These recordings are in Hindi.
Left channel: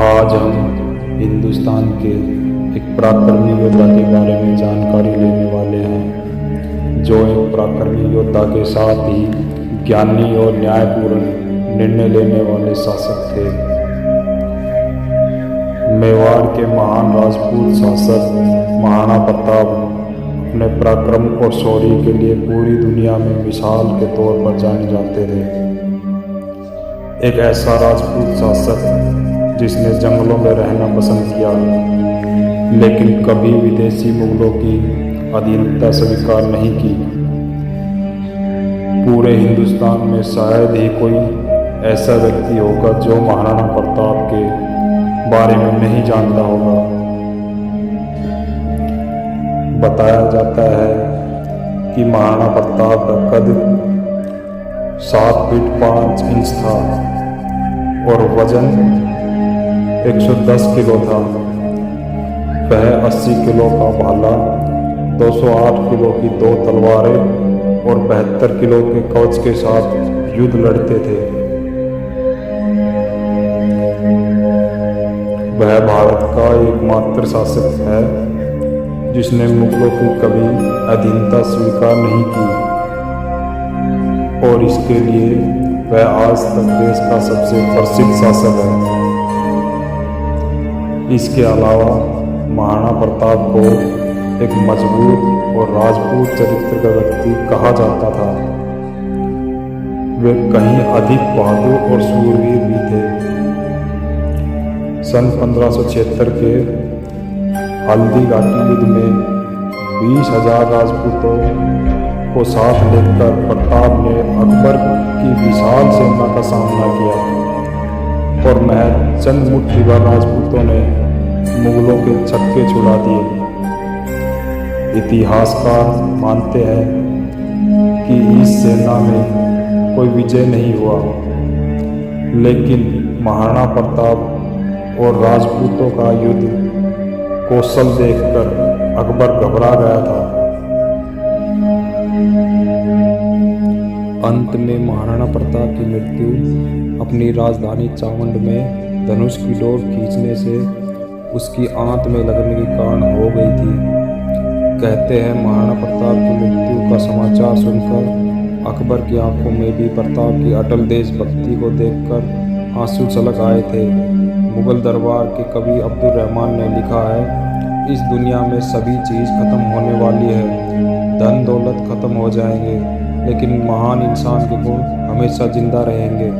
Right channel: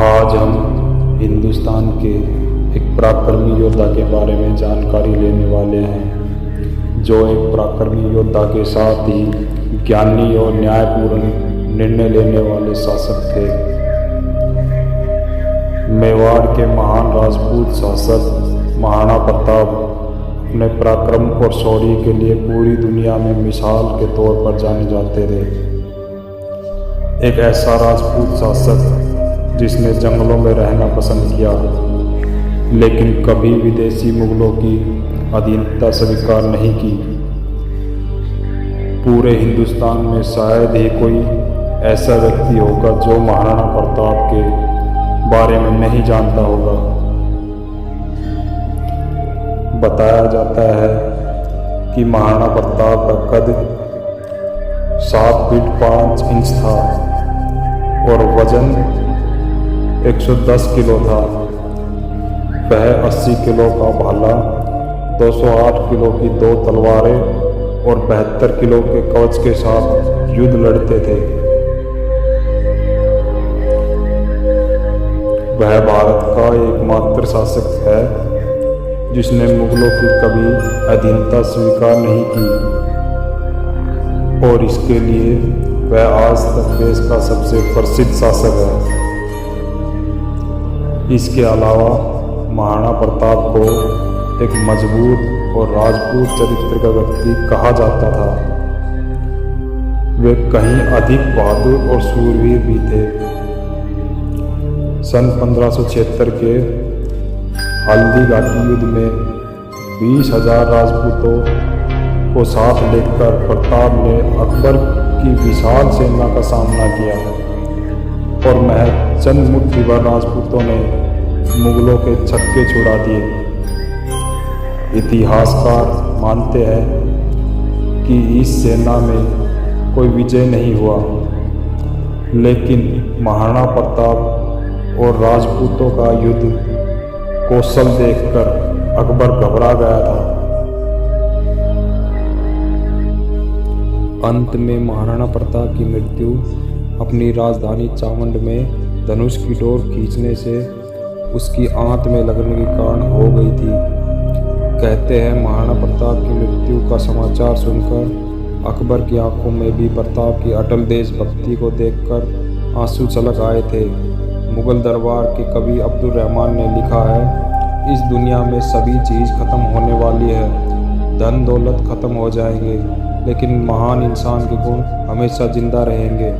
आज हम हिंदुस्तान के एक पराक्रमी योद्धा के बारे में जानकारी लेने वाले हैं, जो एक पराक्रमी योद्धा के साथ ही ज्ञानी और न्यायपूर्ण निर्णय लेने वाले शासक थे। मेवाड़ के महान राजपूत शासक महाराणा प्रताप अपने पराक्रम और शौर्य के लिए पूरी दुनिया में मिसाल के तौर पर जाने जाते थे। एक ऐसा राजपूत शासक जिसने जंगलों में रहना पसंद किया, लेकिन कभी विदेशी मुगलों की अधीनता स्वीकार नहीं की। पूरे हिंदुस्तान में शायद ही कोई ऐसा व्यक्ति होगा जो महाराणा प्रताप के बारे में नहीं जानता होगा। बताया जाता है कि महाराणा प्रताप का कद 7 फीट 5 इंच था और वजन 110 किलो था। वह 80 किलो का भाला, 208 किलो की 2 तलवारें और 72 किलो के कवच के साथ युद्ध लड़ते थे। वह भारत का एकमात्र शासक है जिसने मुगलों की कभी अधीनता स्वीकार नहीं की, और इसके लिए वह आज तक देश का सबसे प्रसिद्ध शासक है। इसके अलावा महाराणा प्रताप को एक मजबूत और राजपूत चरित्र का व्यक्ति कहा जाता था। वे कहीं अधिक बहादुर और शूरवीर भी थे। सन 1576 के हल्दी घाटी युद्ध में 20,000 राजपूतों को साथ लेकर प्रताप ने अकबर की विशाल सेना का सामना किया, और महज चंद मुट्ठी भर राजपूतों ने मुगलों के छक्के छुड़ा दिए। इतिहासकार मानते हैं कि इस सेना में कोई विजय नहीं हुआ, लेकिन महाराणा प्रताप और राजपूतों का युद्ध कौशल देखकर अकबर घबरा गया था। अंत में महाराणा प्रताप की मृत्यु अपनी राजधानी चावंड में धनुष की डोर खींचने से उसकी आंत में लगने के कारण हो गई थी। कहते हैं महाराणा प्रताप की मृत्यु का समाचार सुनकर अकबर की आंखों में भी प्रताप की अटल देशभक्ति को देखकर आंसू छलक आए थे। मुगल दरबार के कवि अब्दुल रहमान ने लिखा है, इस दुनिया में सभी चीज़ खत्म होने वाली है, धन दौलत खत्म हो जाएंगे, लेकिन महान इंसान के गुण हमेशा जिंदा रहेंगे।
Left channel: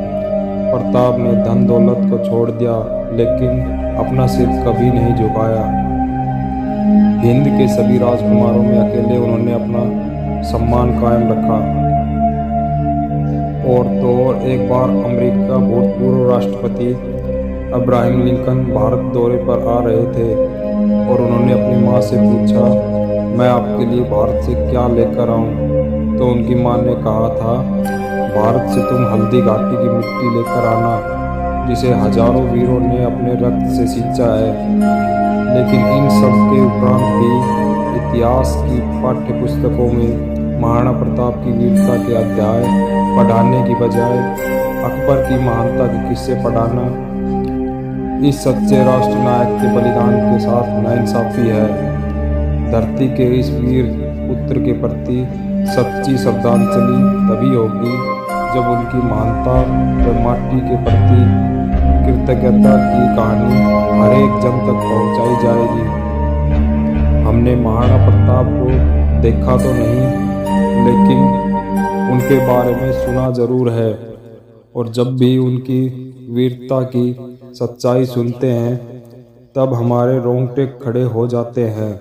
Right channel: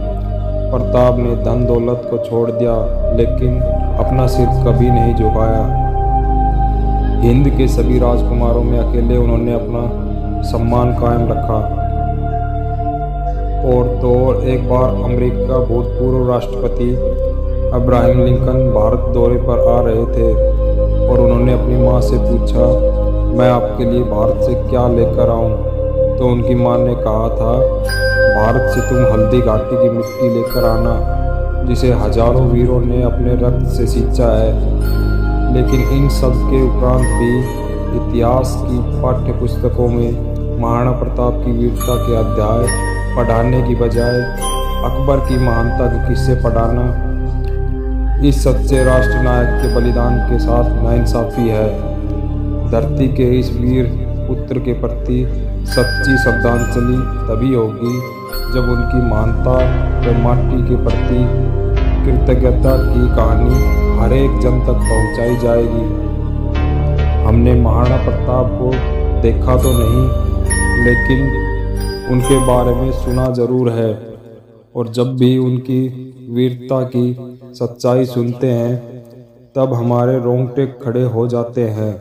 प्रताप ने धन दौलत को छोड़ दिया, लेकिन अपना सिर कभी नहीं झुकाया। हिंद के सभी राजकुमारों में अकेले उन्होंने अपना सम्मान कायम रखा। और तो और एक बार अमेरिका भूतपूर्व राष्ट्रपति अब्राहम लिंकन भारत दौरे पर आ रहे थे, और उन्होंने अपनी माँ से पूछा, मैं आपके लिए भारत से क्या लेकर आऊँ? तो उनकी माँ ने कहा था, भारत से तुम हल्दी घाटी की मिट्टी लेकर आना, जिसे हजारों वीरों ने अपने रक्त से सींचा है। लेकिन इन सब के उपरांत भी इतिहास की पाठ्य पुस्तकों में महाराणा प्रताप की वीरता के अध्याय पढ़ाने की बजाय अकबर की महानता के किस्से पढ़ाना इस सच्चे राष्ट्रनायक के बलिदान के साथ नाइंसाफी है। धरती के इस वीर पुत्र के प्रति सच्ची श्रद्धांजलि तभी होगी जब उनकी महानता व माटी के प्रति कृतज्ञता की कहानी हर एक जन तक पहुंचाई जाएगी। हमने महाराणा प्रताप को देखा तो नहीं, लेकिन उनके बारे में सुना जरूर है, और जब भी उनकी वीरता की सच्चाई सुनते हैं तब हमारे रोंगटे खड़े हो जाते हैं।